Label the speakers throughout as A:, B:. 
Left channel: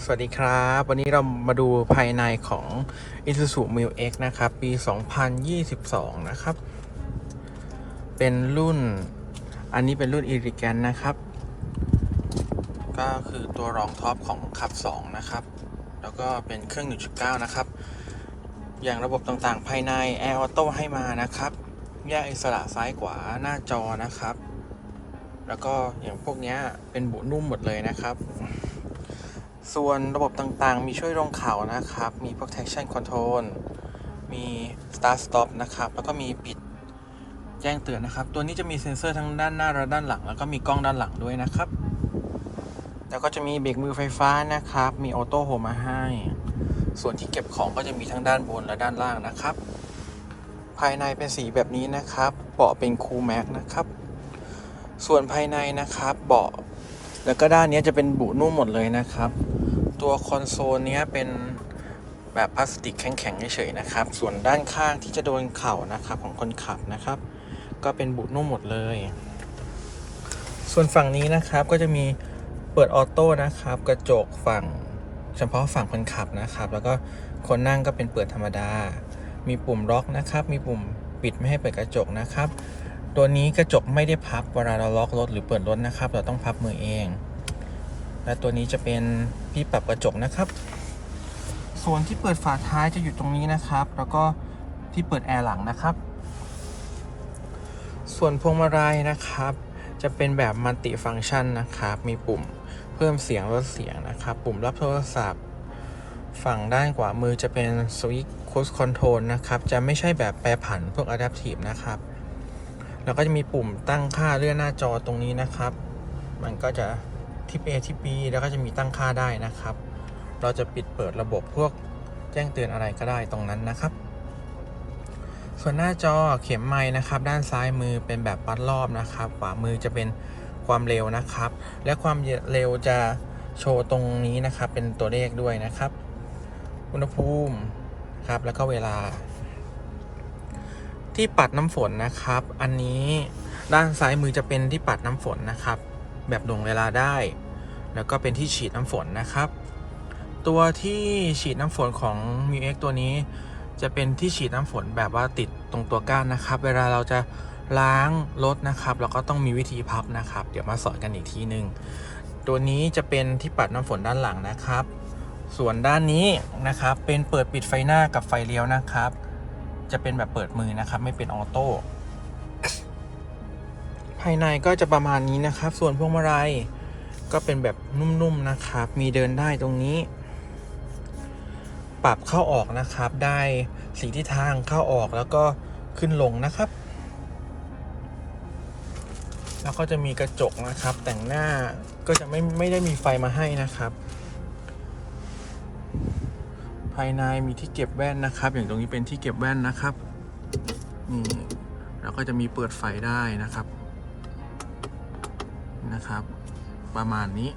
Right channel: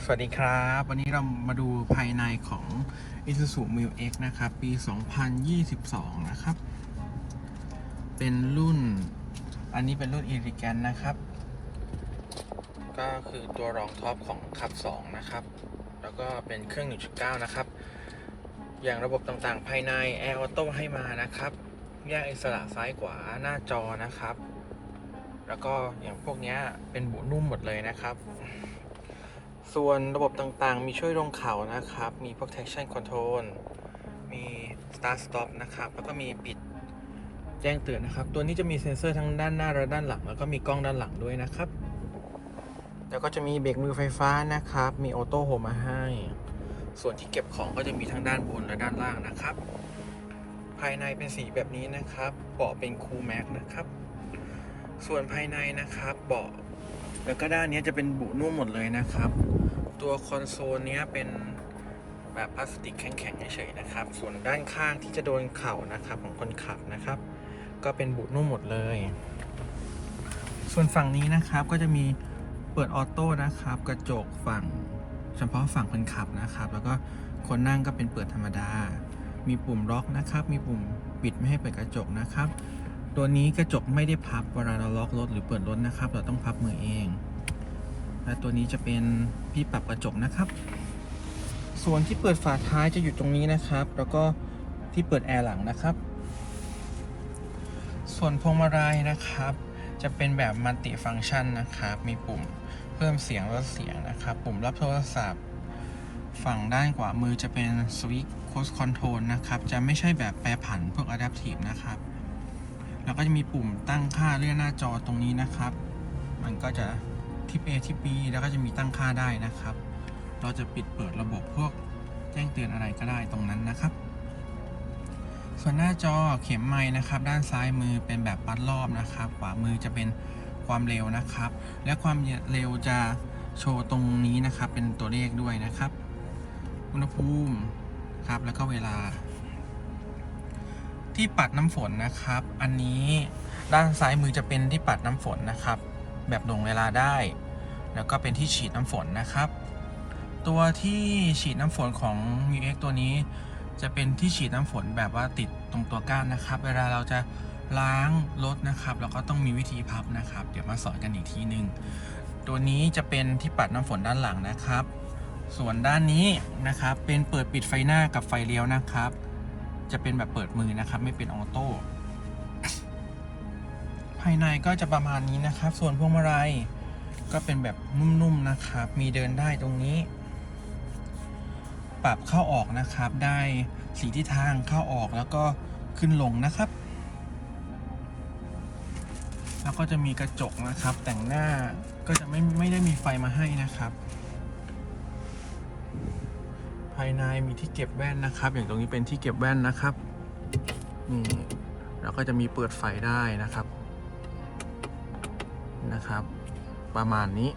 A: สวัสดีครับ วันนี้เรามาดูภายในของ Isuzu m i l X นะครับ ปี 2022 นะครับ เป็นรุ่น อันนี้เป็นรุ่น e l e g a n นะครับ ก็คือตัวรองท็อปของขับ 2 นะครับ แล้วก็เป็นเครื่อง 1.9 นะครับ อย่างระบบต่างๆ ภายใน Air Auto ให้มานะครับแยกอิสระซ้ายขวาหน้าจอนะครับ แล้วก็อย่างพวกนี้เป็นบุนุ่มหมดเลยนะครับ ส่วนระบบต่างๆ มีช่วยลงเขานะครับ มีพวก traction control มี start stop นะครับ แล้วก็มีปิดแจ้งเตือนนะครับ ตัวนี้จะมีเซ็นเซอร์ทั้งด้านหน้าและด้านหลัง แล้วก็มีกล้องด้านหลังด้วยนะครับ แล้วก็จะมีเบรกมือไฟฟ้านะครับ มีออโต้โฮมมาให้ ส่วนที่เก็บของก็จะมีทั้งด้านบนและด้านล่างนะครับ ภายในเป็นสีแบบนี้นะครับ เบาะเป็นคูแม็กนะครับ ส่วนภายในนะครับ เบาะ แล้วก็ด้านนี้จะเป็นบุนุ่มหมดเลยนะครับ ตัวคอนโซลนี้เป็นแบบพลาสติกแข็งๆเฉยๆนะครับ ส่วนด้านข้างที่จะโดนเข่านะครับของคนขับนะครับ ก็เป็นบุนุ่มหมดเลย ส่วนฝั่งนี้นะครับก็จะมีเปิดออโต้นะครับ กระจกฝั่งเฉพาะฝั่งคนขับนะครับ แล้วก็คนนั่งก็เป็นเปิดธรรมดา มีปุ่มล็อกนะครับ มีปุ่มปิดไม่ให้เปิดกระจกนะครับ ตัวนี้กระจกไม่ได้พับเวลาเราล็อกรถหรือเปิดรถนะครับ เราต้องพับมือเอง และตัวนี้จะเป็นที่ปรับกระจกนะครับ ส่วนที่เปิดฝาท้ายจะอยู่ตรงนี้นะครับ แล้วก็ที่เปิดแอร์หลังนะครับ ส่วนพวงมาลัยนะครับ จะเป็นแบบมัลติฟังก์ชันนะครับ มีปุ่มเพิ่มเสียงลดเสียงนะครับ ปุ่มรับโทรศัพท์ ฝั่งด้านขวามือจะเป็นสวิตช์โคสคอนโทรลนะครับ จะไม่ใช่แบบแปรผันพวก Adaptive นะครับ แล้วก็จะมีปุ่มตั้งค่าเลื่อนหน้าจอตรงนี้นะครับ มันก็จะทิป A ทิป B แล้วก็จะมีตั้งค่าได้นะครับ เราจะปิดเปิดระบบพวกแจ้งเตือนอะไรก็ได้ตรงนั้นนะครับ ส่วนหน้าจอเข็มไม้นะครับ ด้านซ้ายมือเป็นแบบวัดรอบนะครับ ขวามือจะเป็นความเร็วนะครับ และความเร็วจะโชว์ตรงนี้นะครับ เป็นตัวเลขด้วยนะครับ อุณหภูมิครับแล้วก็เวลา ที่ปัดน้ำฝนนะครับ อันนี้ด้านซ้ายมือจะเป็นที่ปัดน้ำฝนนะครับ แบบลงเวลาได้ แล้วก็เป็นที่ฉีดน้ำฝนนะครับ ตัวที่ฉีดน้ำฝนของ m ิ x ตัวนี้ จะเป็นที่ฉีดน้ำฝนแบบว่าติดตรงตัวก้านนะครับ เวลาเราจะล้างรถนะครับเราก็ต้องมีวิธีพับนะครับ เดี๋ยวมาสอนกันอีกทีหนึ่งตัวนี้จะเป็นที่ปัดน้ำฝนด้านหลังนะครับ ส่วนด้านนี้นะครับเป็นเปิดปิดไฟหน้ากับไฟเลี้ยวนะครับ จะเป็นแบบเปิดมือนะครับ ไม่เป็นออโต้ภายในก็จะประมาณนี้นะครับ ส่วนพวงมาลัยก็เป็นแบบนุ่มๆนะครับ มีเดินได้ตรงนี้ ปรับเข้าออกนะครับ ได้สีทิศทางเข้าออกแล้วก็ขึ้นลงนะครับ แล้วก็จะมีกระจกนะครับ แต่งหน้าก็จะไม่ไม่ได้มีไฟมาให้นะครับายในมีที่เก็บแว่นนะครับ อย่างตรงนี้เป็นที่เก็บแว่นนะครับนี่แล้วก็จะมีเปิดไฟได้นะครับนะครับ ประมาณนี้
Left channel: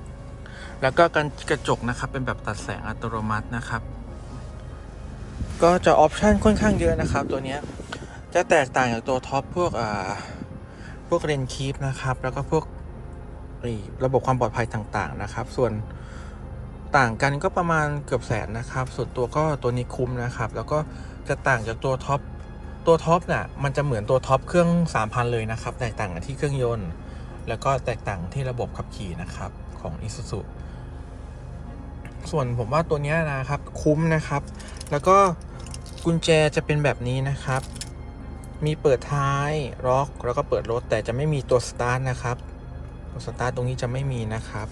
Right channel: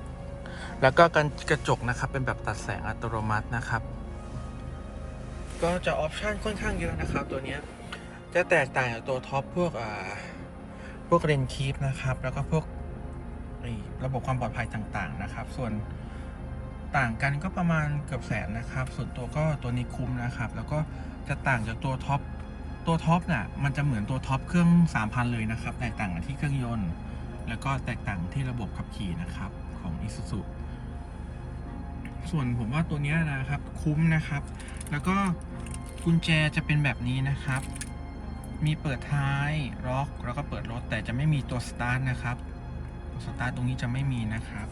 A: แล้วก็กันกระจกนะครับเป็นแบบตัดแสงอัตโนมัตินะครับ ก็จะออปชันค่อนข้างเยอะนะครับ ตัวนี้จะแตกต่างจากตัวท็อปพวกอ่าพวกเรนคีฟนะครับ แล้วก็พวกระบบความปลอดภัยต่างๆนะครับ ส่วน ต่างกันก็ประมาณเกือบแสนนะครับ ส่วนตัวก็ตัวนี้คุ้มนะครับ แล้วก็จะต่างจากตัวท็อป ตัวท็อปน่ะมันจะเหมือนตัวท็อปเครื่อง 3,000 เลยนะครับ แตกต่างกันที่เครื่องยนต์ แล้วก็แตกต่างที่ระบบขับขี่นะครับของ Isuzu ส่วนผมว่าตัวนี้นะครับคุ้มนะครับ แล้วก็กุญแจจะเป็นแบบนี้นะครับ มีเปิดท้ายล็อกแล้วก็เปิดรถแต่จะไม่มีตัวสตาร์ทนะครับ ตัวสตาร์ทตรงนี้จะไม่มีนะครับ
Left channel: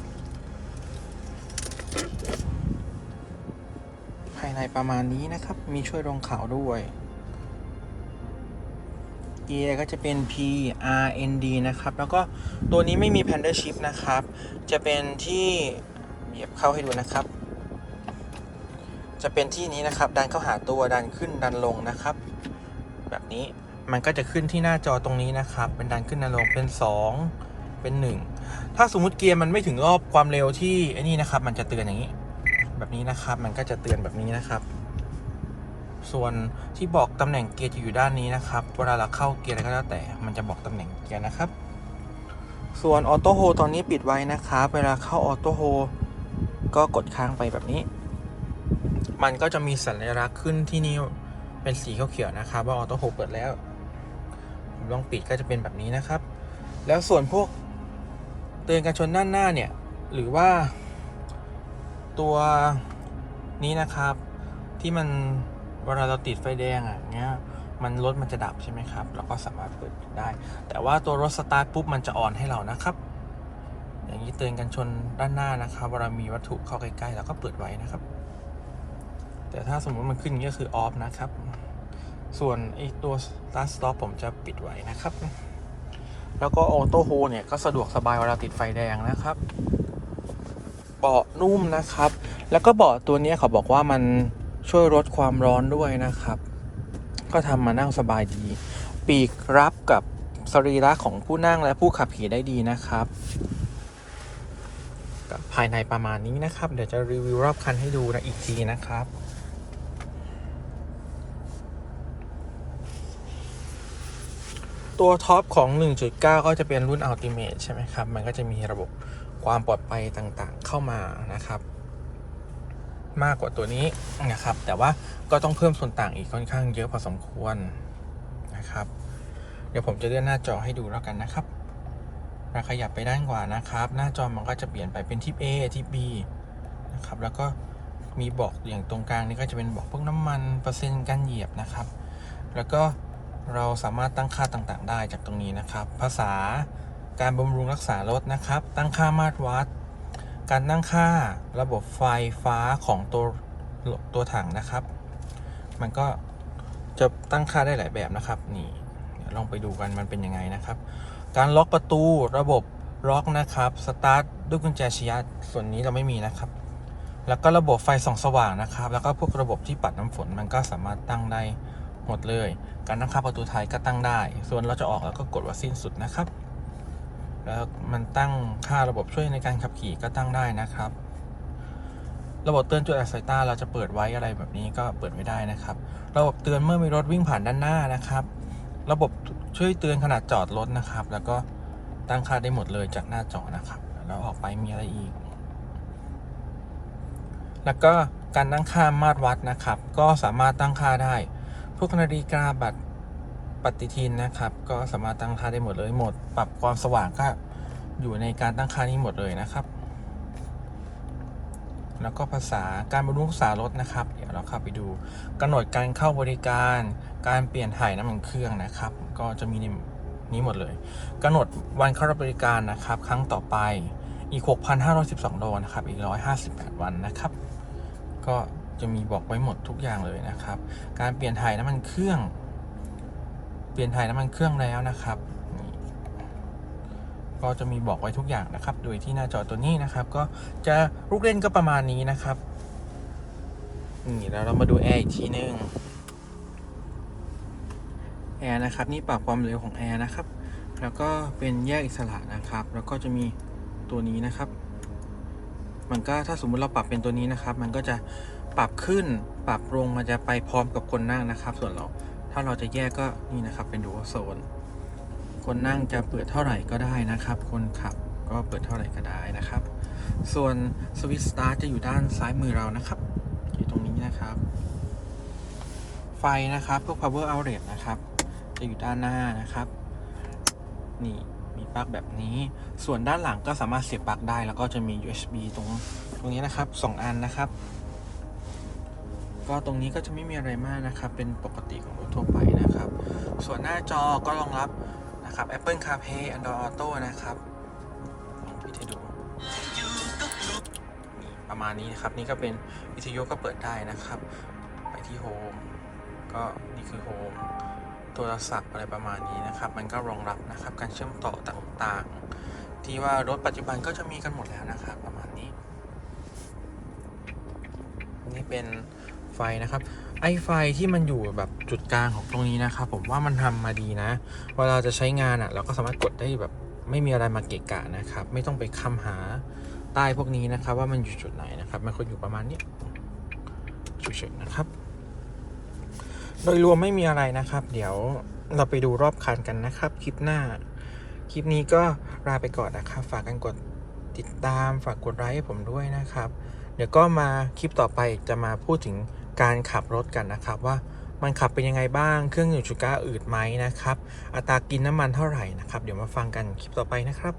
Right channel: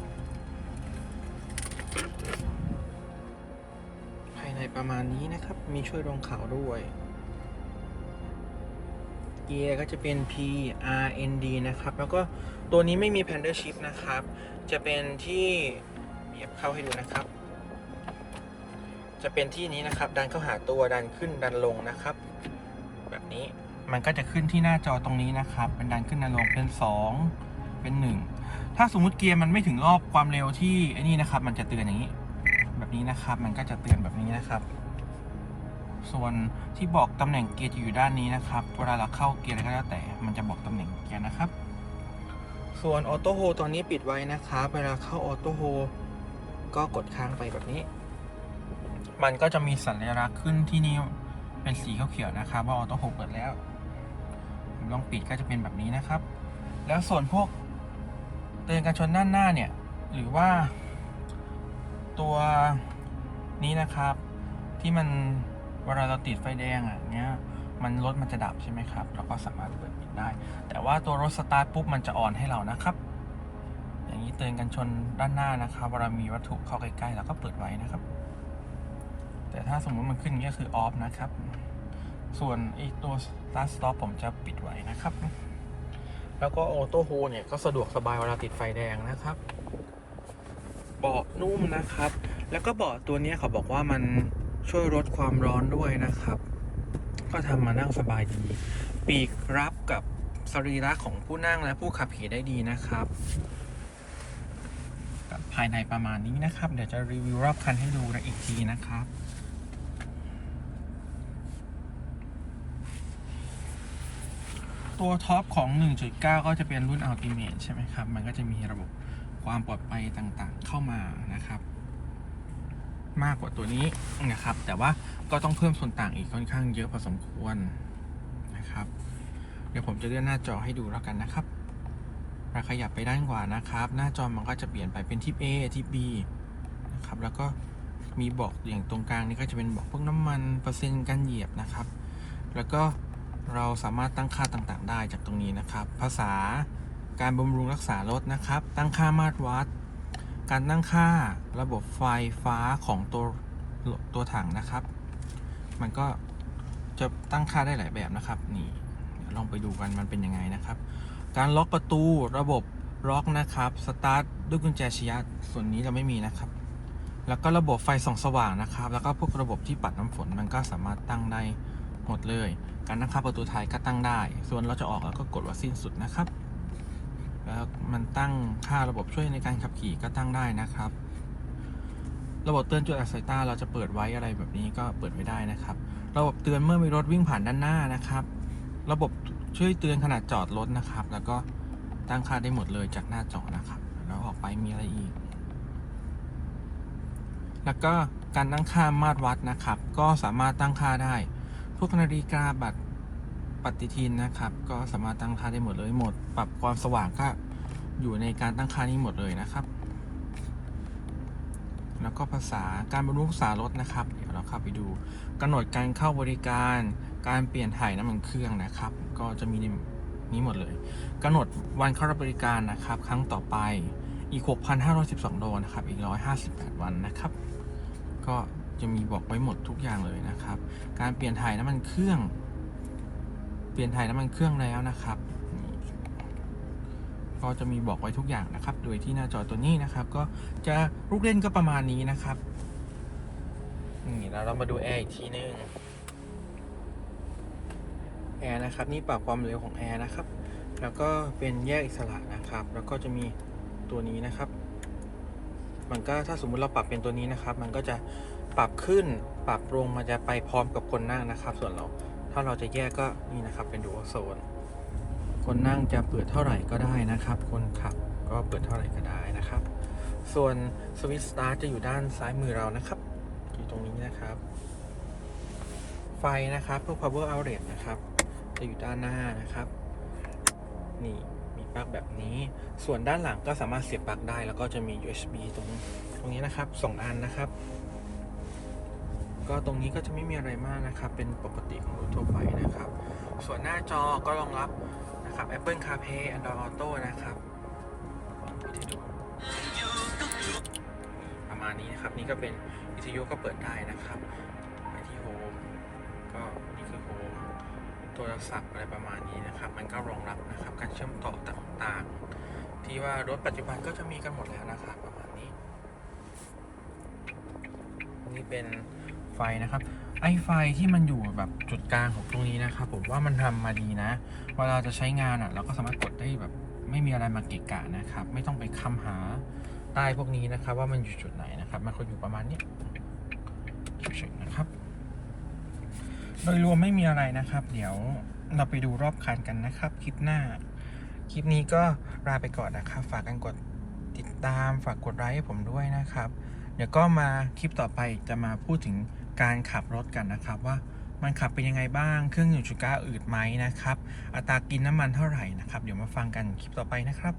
A: ภายในประมาณนี้นะครับ มีช่วยลงขาด้วย เกียร์ก็จะเป็น P R N D นะครับ แล้วก็ตัวนี้ไม่มี p a n d a Shift นะครับ จะเป็นที่เหยียบเข้าให้ดูนะครับ จะเป็นที่นี้นะครับ ดันเข้าหาตัว ดันขึ้น ดันลงนะครับ แบบนี้ มันก็จะขึ้นที่หน้าจอตรงนี้นะครับ เป็นดันขึ้นดันลง เป็น 2 เป็น 1 ถ้าสมมุติเกียร์มันไม่ถึงรอบความเร็วที่ไอ้นี่นะครับ มันจะเตือนอย่างนี้ แบบนี้นะครับ มันก็จะเตือนแบบนี้นะครับ ส่วนที่บอกตำแหน่งเกียร์จะอยู่ด้านนี้นะครับ เวลาเราเข้าเกียร์อะไรก็แล้วแต่ มันจะบอกตำแหน่งเกียร์นะครับ ส่วนออโต้โฮตอนนี้ปิดไว้นะครับ เวลาเข้าออโต้โฮก็กดค้างไปแบบนี้ มันก็จะมีสัญลักษณ์ขึ้นที่นี่เป็นสีเขียวๆนะครับ ว่าออโต้โฮเปิดแล้วลองปิดก็จะเป็นแบบนี้นะครับ แล้วส่วนพวก เตือนการชนด้านหน้าเนี่ย หรือว่า ตัวนี้นะครับ ที่มันเวลาเราติดไฟแดงอะเนี้ยมันรถมันจะดับใช่ไหมครับเราก็สามารถเปิดได้ แต่ว่าตัวรถสตาร์ทปุ๊บมันจะอ่อนให้เรานะครับ อย่างนี้เตือนกันชนด้านหน้านะครับเวลามีวัตถุเข้าใกล้ๆเราก็เปิดไว้นะครับ แต่ถ้าสมมติมันขึ้นอย่างนี้ก็คือออฟนะครับ ส่วนไอตัว start stop ผมจะปิดไว้นะครับ แล้วก็ออโต้โฮเนี่ยก็สะดวกสบายเวลาติดไฟแดงนะครับ เบาะนุ่มนะครับ แล้วก็เบาะตัวนี้เขาบอกว่ามันช่วยลดความร้อนด้วยนะครับ ก็ทำมานั่งสบายดี ปีกรับกับสรีระของผู้นั่งและผู้ขับขี่ได้ดีนะครับภายในประมาณนี้นะครับ เดี๋ยวจะรีวิวรอบคันให้ดูนะอีกทีนะครับ ตัวท็อปของ 1.9 ก็จะเป็นรุ่น Ultimate ใช่ไหมครับ มันก็จะมีระบบความปลอดภัยต่างๆ เข้ามานะครับ มากกว่าตัวนี้นะครับ แต่ว่าก็ต้องเพิ่มส่วนต่างอีกค่อนข้างเยอะพอสมควรนะครับ เดี๋ยวผมจะเลื่อนหน้าจอให้ดูแล้วกันนะครับเราขยับไปด้านขวานะครับ หน้าจอมันก็จะเปลี่ยนไปเป็นทิป A ทิป B นะครับ แล้วก็มีบอกอย่างตรงกลางนี่ก็จะเป็นบอกพวกน้ำมันเปอร์เซ็นต์การเหยียบนะครับ แล้วก็ เราสามารถตั้งค่าต่างๆ ได้จากตรงนี้นะครับ ภาษาการบำรุงรักษารถนะครับ ตั้งค่ามาตรวัด การตั้งค่าระบบไฟฟ้าของตัวตัวถังนะครับ มันก็จะตั้งค่าได้หลายแบบนะครับ นี่ลองไปดูกันมันเป็นยังไงนะครับ การล็อกประตูระบบล็อกนะครับ สตาร์ทด้วยกุญแจชียัดส่วนนี้เราไม่มีนะครับ แล้วก็ระบบไฟส่องสว่างนะครับ แล้วก็พวกระบบที่ปัดน้ำฝนมันก็สามารถตั้งได้ หมดเลย การตั้งค่าประตูท้ายก็ตั้งได้ ส่วนเราจะออกแล้วก็กดว่าสิ้นสุดนะครับ แล้วมันตั้งค่าระบบช่วยในการขับขี่ก็ตั้งได้นะครับ ระบบเตือนจุดอับสายตาเราจะเปิดไว้อะไรแบบนี้ก็เปิดไม่ได้นะครับ ระบบเตือนเมื่อมีรถวิ่งผ่านด้านหน้านะครับ ระบบช่วยเตือนขนาดจอดรถนะครับ แล้วก็ตั้งค่าได้หมดเลยจากหน้าจอนะครับ แล้วออกไปมีอะไรอีก แล้วก็การตั้งค่ามาตรวัดนะครับ ก็สามารถตั้งค่าได้ วกนาฬิกาบัตรปฏิทินนะครับ ก็สามารถตั้งค่าได้หมดเลยหมด ปรับความสว่างก็อยู่ในการตั้งค่านี้หมดเลยนะครับ แล้วก็ภาษาการบรรลุรักษารถนะครับ เดี๋ยวเราเข้าไปดูกำหนดการเข้าบริการการเปลี่ยนถ่ายน้ำมันเครื่องนะครับ ก็จะมีในนี้หมดเลยกำหนดวันเข้ารับบริการนะครับ ครั้งต่อไปอีก 6,512ดอลนะครับ อีก 158 วันนะครับ ก็ จะมีบอกไว้หมดทุกอย่างเลยนะครับ การเปลี่ยนถ่ายน้ำมันเครื่อง เปลี่ยนถ่ายน้ำมันเครื่องแล้วนะครับ ก็จะมีบอกไว้ทุกอย่างนะครับ โดยที่หน้าจอตัวนี้นะครับ ก็จะลูกเล่นก็ประมาณนี้นะครับนี่แล้วเรามาดูแอร์อีกทีนึงแอร์นะครับนี่ปรับความเร็วของแอร์นะครับ แล้วก็เป็นแยกอิสระนะครับ แล้วก็จะมีตัวนี้นะครับ มันก็ถ้าสมมุติเราปรับเป็นตัวนี้นะครับ มันก็จะ ปรับขึ้นปรับลงมันจะไปพร้อมกับคนนั่งนะครับ ส่วนเราถ้าเราจะแยกก็นี่นะครับเป็นดูโซน คนนั่งจะเปิดเท่าไหร่ก็ได้นะครับ คนขับก็เปิดเท่าไหร่ก็ได้นะครับ ส่วนสวิตช์สตาร์ทจะอยู่ด้านซ้ายมือเรานะครับ อยู่ตรงนี้นะครับ ไฟนะครับพวก power outlet นะครับ จะอยู่ด้านหน้านะครับ นี่มีปลั๊กแบบนี้ ส่วนด้านหลังก็สามารถเสียบปลั๊กได้ แล้วก็จะมี USB ตรงตรงนี้นะครับสองอันนะครับ ก็ตรงนี้ก็จะไม่มีอะไรมากนะครับ เป็นปกติของรถทั่วไปนะครับ ส่วนหน้าจอก็รองรับนะครับ Apple CarPlay Android Auto นะครับลองปิดให้ดูนี่ประมาณนี้นะครับ นี่ก็เป็นวิทยุก็เปิดได้นะครับ ไปที่โฮมก็นี่คือโฮมโทรศัพท์อะไรประมาณนี้นะครับ มันก็รองรับนะครับ การเชื่อมต่อต่างๆ ที่ว่ารถปัจจุบันก็จะมีกันหมดแล้วนะครับ ประมาณนี้ นี่เป็น ไฟนะครับ ไอไฟที่มันอยู่แบบจุดกลางของตรงนี้นะครับ ผมว่ามันทำมาดีนะ เวลาจะใช้งานอะ เราก็สามารถกดได้แบบไม่มีอะไรมาเกะกะนะครับ ไม่ต้องไปคำหาใต้พวกนี้นะครับ ว่ามันอยู่จุดไหนนะครับ มันควรอยู่ประมาณนี้เฉยๆนะครับ โดยรวมไม่มีอะไรนะครับ เดี๋ยวเราไปดูรอบคันกันนะครับ คลิปหน้า คลิปนี้ก็ลาไปก่อนนะครับ ฝากกันกดติดตามฝากกดไลค์ให้ผมด้วยนะครับ เดี๋ยวก็มาคลิปต่อไปจะมาพูดถึง การขับรถกันนะครับว่ามันขับเป็นยังไงบ้าง เครื่อง1.9อืดไหมนะครับ อัตรากินน้ำมันเท่าไหร่นะครับ เดี๋ยวมาฟังกันคลิปต่อไปนะครับ